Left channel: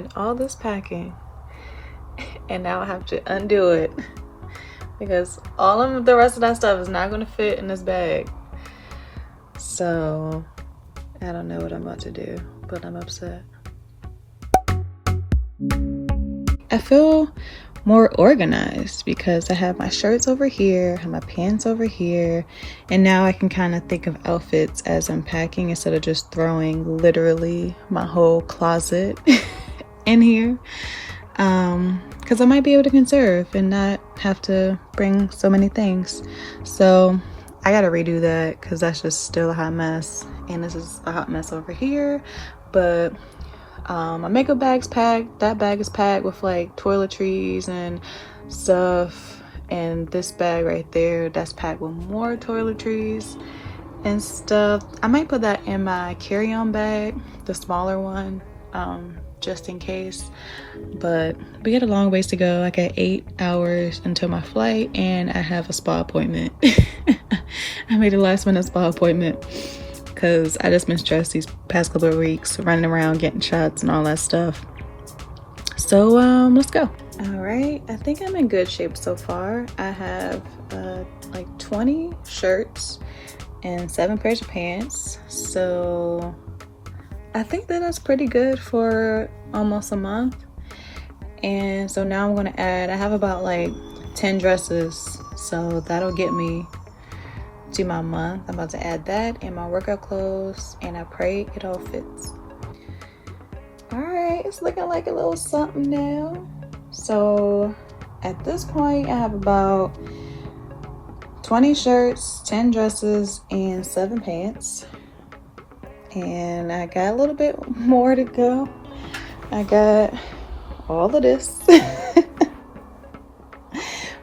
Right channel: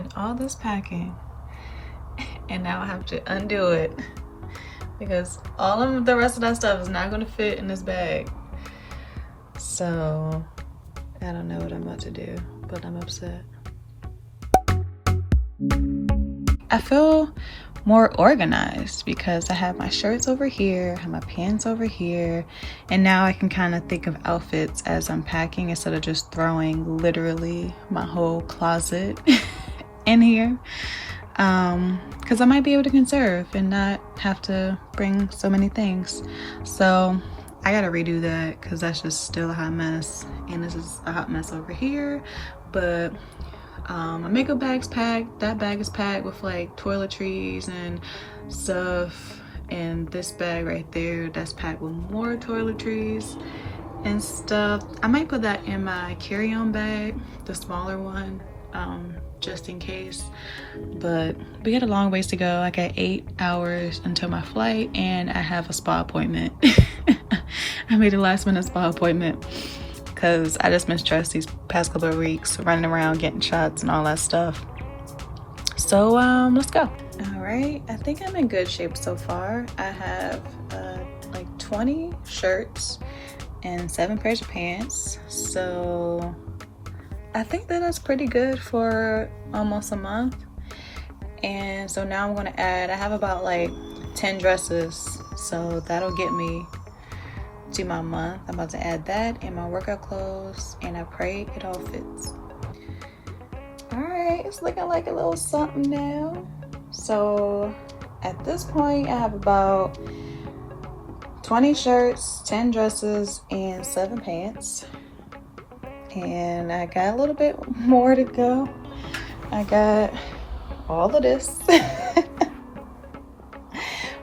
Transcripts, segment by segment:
did all this packing and now I have to undo it because all of the rest of that stuff is not going to fit in this bag. So I don't know what I'm about to do, but I'm upset. I feel more organized because I have my shirts over here, I have my pants over here, and now I can kind of think of outfits as I'm packing instead of just throwing literally my whole closet in here. Because I might be able to conserve and not have to bring so many things. So I gotta redo that because that's just still a hot mess, and this is a hot mess over here. But my makeup bag's packed. That bag is packed with like toiletries and stuff, and this bag right there, that's packed with more toiletries and stuff. I might put that in my carry-on bag, the smaller one, just in case. But we got a long ways to go. I got 8 hours until my flight, and I have a spa appointment. I made a last minute spa appointment because I just been stressed these past couple of weeks, running around getting shots and all that stuff. So let's go. All right, I think I'm in good shape so far. I have like 20 shirts and 7 pairs of pants. So I think that is pretty good for almost a month. And so now I'm gonna add, I have about like 10 dresses. So that'll get me to my month. I'm about to add that in my workout clothes, and I pray it all fits. All right, it's looking like a little something now. So at this point, I have about 20 shirts, 10 dresses, and 7 pants. And I got a little bit more to go. I got all of this.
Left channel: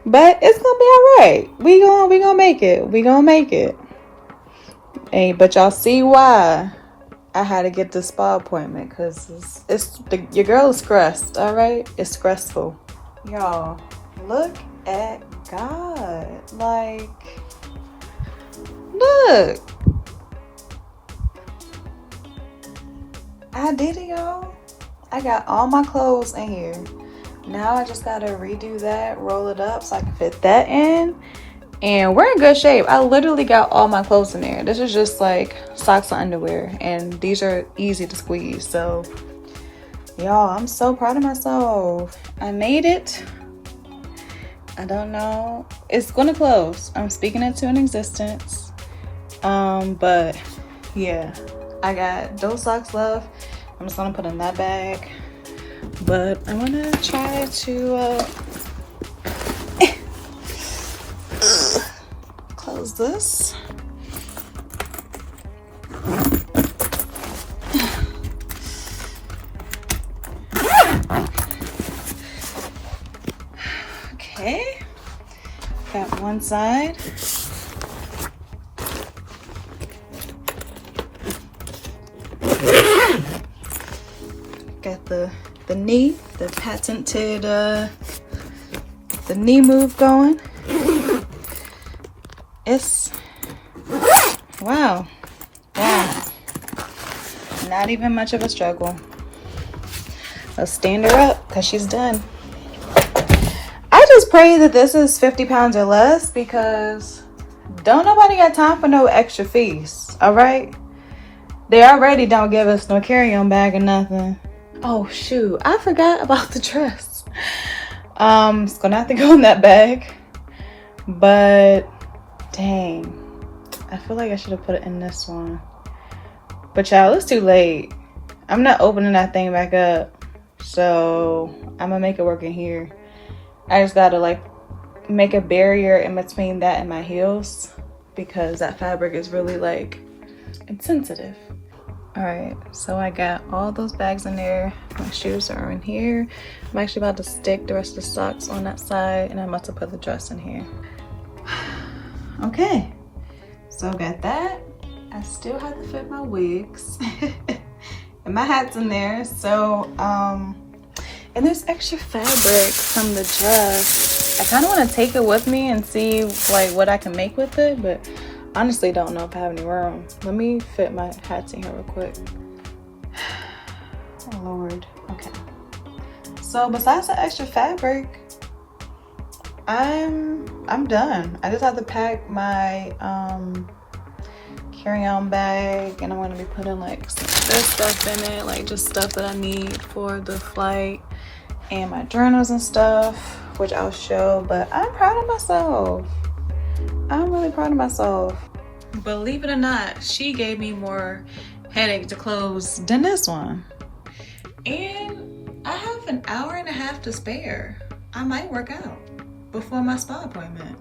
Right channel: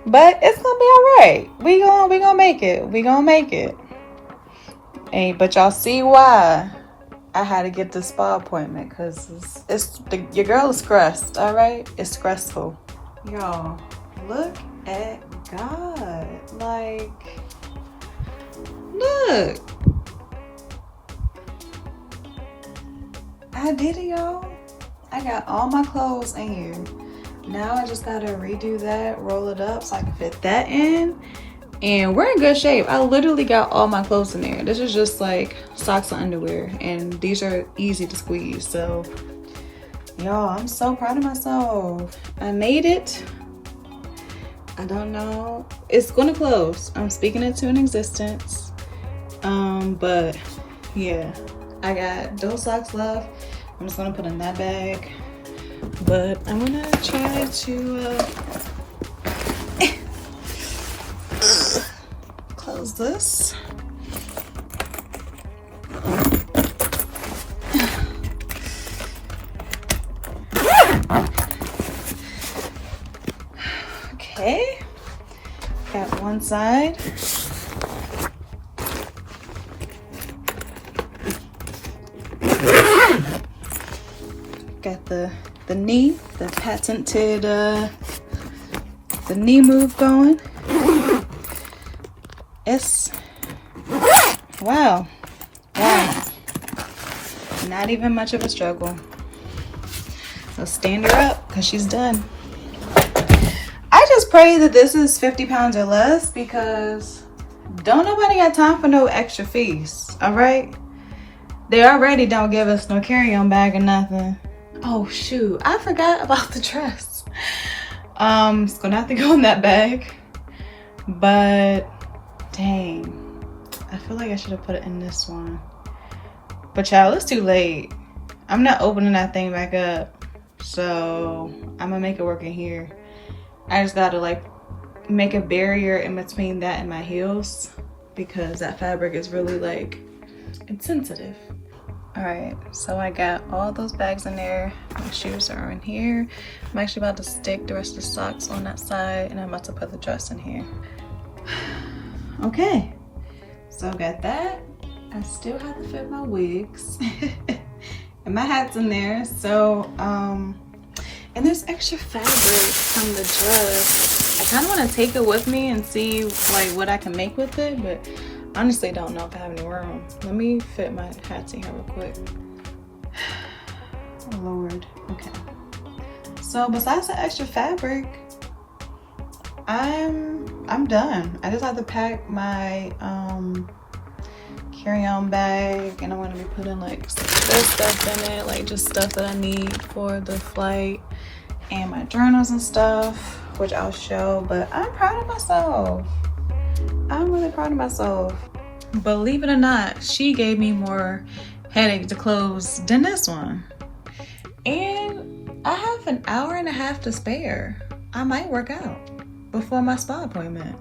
But it's gonna be all right. We gonna make it. We gonna make it. And but y'all see why I had to get this spa appointment, because your girl is stressed. All right, it's stressful. Y'all, look at God. Like, look. I did it, y'all. I got all my clothes in here. Now I just gotta redo that, roll it up so I can fit that in. And we're in good shape. I literally got all my clothes in there. This is just like socks and underwear, and these are easy to squeeze. So y'all, I'm so proud of myself. I made it. I don't know. It's gonna close. I'm speaking it to an existence. But yeah, I got those socks left. I'm just gonna put in that bag. But I'm gonna try to close this. Okay, got one side. Got the knee, the patented the knee move going. It's wow, not even much of a struggle. Let's stand her up because she's done. I just pray that this is 50 pounds or less, because don't nobody got time for no extra fees. All right, they already don't give us no carry-on bag or nothing. Oh shoot, I forgot about the dress. It's gonna have to go in that bag. But dang, I feel like I should have put it in this one. But y'all, it's too late. I'm not opening that thing back up. So I'm gonna make it work in here. I just gotta like make a barrier in between that and my heels, because that fabric is really like, it's sensitive. All right, so I got all those bags in there. My shoes are in here. I'm actually about to stick the rest of the socks on that side, and I'm about to put the dress in here. Okay, so I got that. I still have to fit my wigs. And my hat's in there. So, and there's extra fabric from the dress. I kind of want to take it with me and see like what I can make with it, but honestly don't know if I have any room. Let me fit my hats in here real quick. Oh Lord. Okay. So besides the extra fabric, I'm done. I just have to pack my carry-on bag, and I'm gonna be putting like this stuff in it, like just stuff that I need for the flight, and my journals and stuff, which I'll show. But I'm proud of myself. I'm really proud of myself. Believe it or not, she gave me more headache to close than this one. And I have an hour and a half to spare. I might work out before my spa appointment.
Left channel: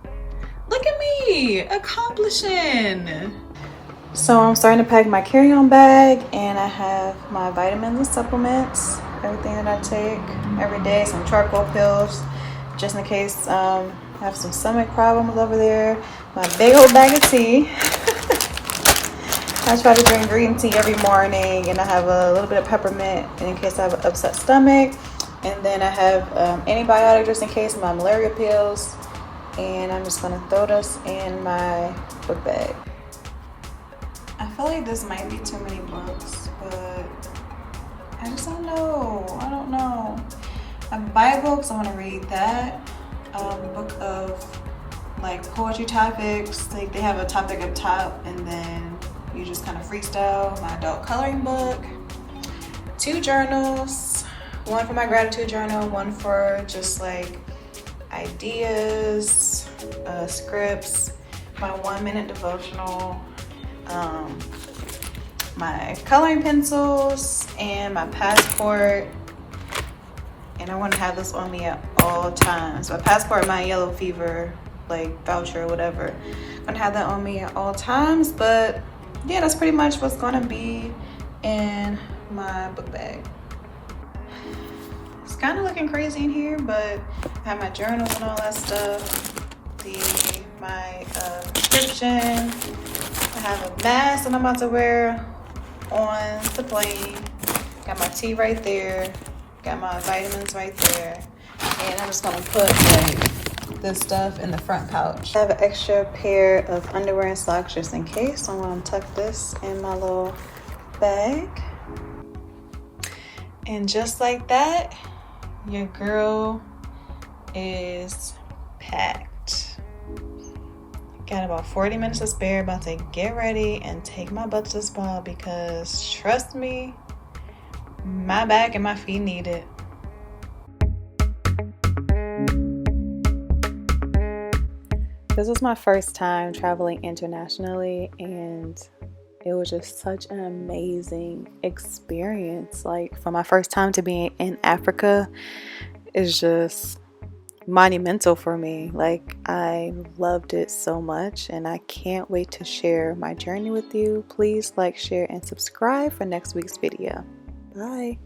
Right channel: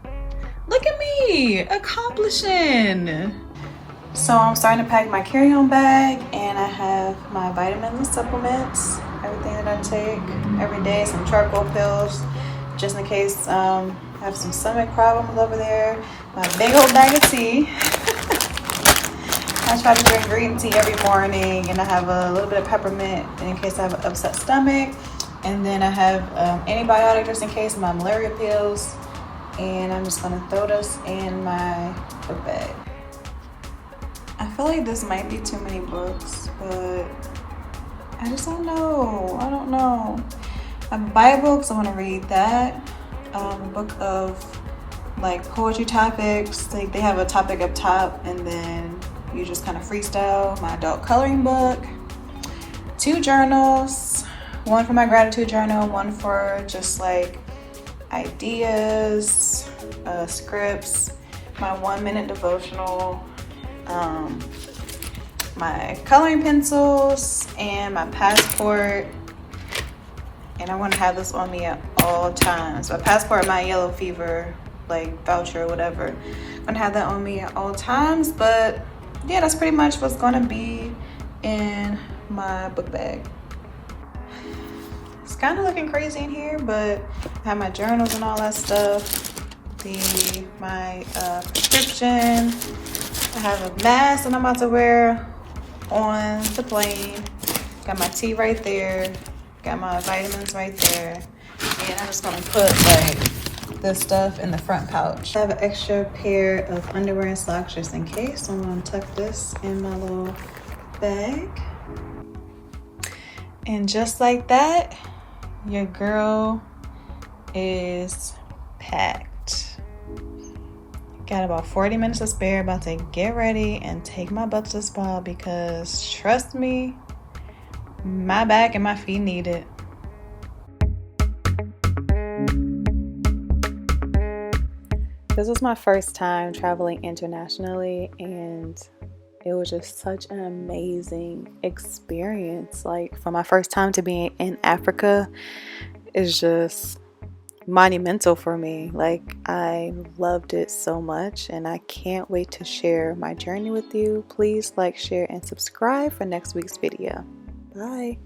Look at me, accomplishing. So I'm starting to pack my carry-on bag, and I have my vitamins and supplements, everything that I take every day, some charcoal pills, just in case I have some stomach problems over there. My big old bag of tea. I try to drink green tea every morning, and I have a little bit of peppermint in case I have an upset stomach. And then I have antibiotics just in case of my malaria pills. And I'm just gonna throw this in my book bag. I feel like this might be too many books, but I just don't know. I don't know. I have a Bible because I want to read that. A book of like poetry topics. Like they have a topic up top, and then you just kind of freestyle. My adult coloring book. 2 journals. One for my gratitude journal. One for just like ideas, scripts. My 1-minute devotional. My coloring pencils and my passport, and I want to have this on me at all times. My passport, my yellow fever like voucher or whatever, I'm gonna have that on me at all times. But yeah, that's pretty much what's gonna be in my book bag. It's kind of looking crazy in here, but I have my journals and all that stuff, my prescription. I have a mask that I'm about to wear on the plane. Got my tea right there. Got my vitamins right there. And I'm just gonna put like this stuff in the front pouch. I have an extra pair of underwear and socks just in case. I'm gonna tuck this in my little bag. And just like that, your girl is packed. Got about 40 minutes to spare, about to get ready and take my butt to the spa because trust me, my back and my feet need it. This was my first time traveling internationally, and it was just such an amazing experience. Like, for my first time to be in Africa is just monumental for me. Like, I loved it so much, and I can't wait to share my journey with you. Please like, share, and subscribe for next week's video. Bye.